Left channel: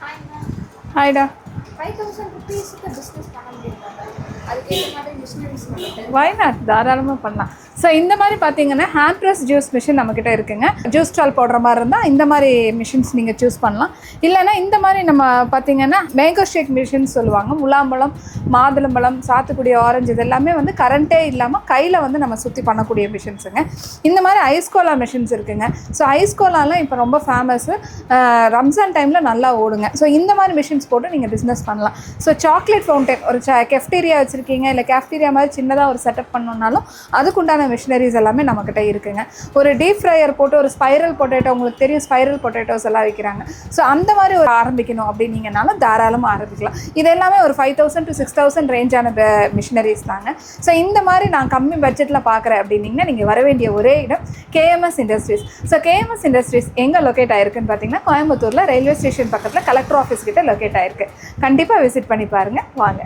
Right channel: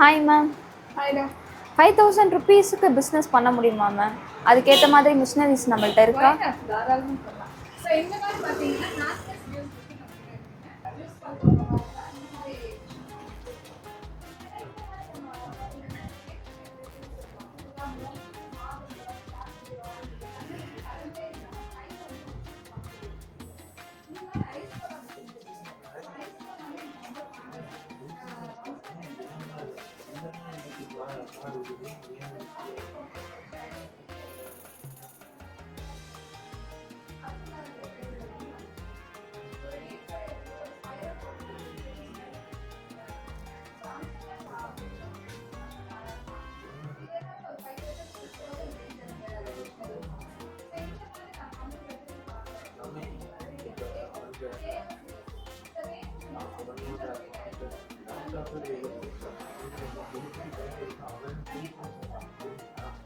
Hi ma'am. ஹாய்டா. 5000 ருபீஸுக்கு business பண்ண முடியுமா மேம்? அதுக்கேற்ற மாதிரி மிஷினரிஸ் நம்மள்ட்ட இருக்கு. வை நாட், தாராளமாக பண்ணலாம். ஸோ இந்த மாதிரி பார்த்தீங்கன்னா ஹேண்ட் ப்ரெஸ் ஜூஸ் மிஷின் நம்மக்கிட்ட இருக்குங்க. ஜூஸ் ஸ்டால் போடுற மாதிரி இருந்தால் இந்த மாதிரி மிஷின்ஸ் நீங்கள் சூஸ் பண்ணலாம். இல்லைனா இந்த மாதிரி நம்ம பார்த்தீங்கன்னா மேங்கோ ஷேக் மிஷின் சொல்லுவாங்க. முலாம்பழம், மாதுளம்பழம், சாத்துக்குடி, ஆரஞ்சு இது எல்லாமே வந்து கரண்ட்டே இல்லாமல் கையில் வந்து நம்ம சுற்றி பண்ணக்கூடிய மிஷின்ஸுங்க. இந்த மாதிரி ஐஸ் கோலா மிஷின்ஸ் இருக்குங்க. ஸோ ஐஸ் கோலாலாம் இப்போ ரொம்ப ஃபேமஸ்ஸு. ரம்ஜான் டைமில் நல்லா ஓடுங்க. ஸோ இந்த மாதிரி மிஷின்ஸ் போட்டு நீங்கள் பிஸ்னஸ் பண்ணலாம். ஸோ சாக்லேட் ஃபவுண்டன் ஒரு கெஃப்டீரியா வச்சுருக்கீங்க, இல்லை கேஃப்டீரியா மாதிரி சின்னதாக ஒரு செட்டப் பண்ணணுன்னாலும் அதுக்குண்டான மிஷினரிஸ் எல்லாமே நம்மக்கிட்ட இருக்குங்க. ஒரு டீப் ஃப்ரையர் போட்டு ஒரு ஸ்பைரல் பொட்டேட்டோ, உங்களுக்கு தெரியும் ஸ்பைரல் பொட்டேட்டோஸ் எல்லாம் விற்கிறாங்க. ஸோ அந்த மாதிரி ஒரு ஆரம்பிக்கணும் அப்படின்னீங்கனாலும் தாராளமாக ஆரம்பிக்கலாம். இது எல்லாமே ஒரு 5000 to 6000 ரேஞ்சான மிஷினரிஸ் தாங்க. ஸோ இந்த மாதிரி நான் கம்மி பட்ஜெட்டில் பார்க்குறேன் அப்படின்னீங்கன்னா நீங்கள் வர வேண்டிய ஒரே இடம் KMS industries. So KMS industries எங்கே லொக்கேட் ஆயிருக்குன்னு பார்த்தீங்கன்னா கோயம்புத்தூரில் ரயில்வே ஸ்டேஷன் பக்கத்தில் கலெக்டர் ஆஃபீஸ் கிட்ட லொக்கேட் ஆயிருக்கு. கண்டிப்பாக விசிட் பண்ணி பாருங்கள். வாங்க.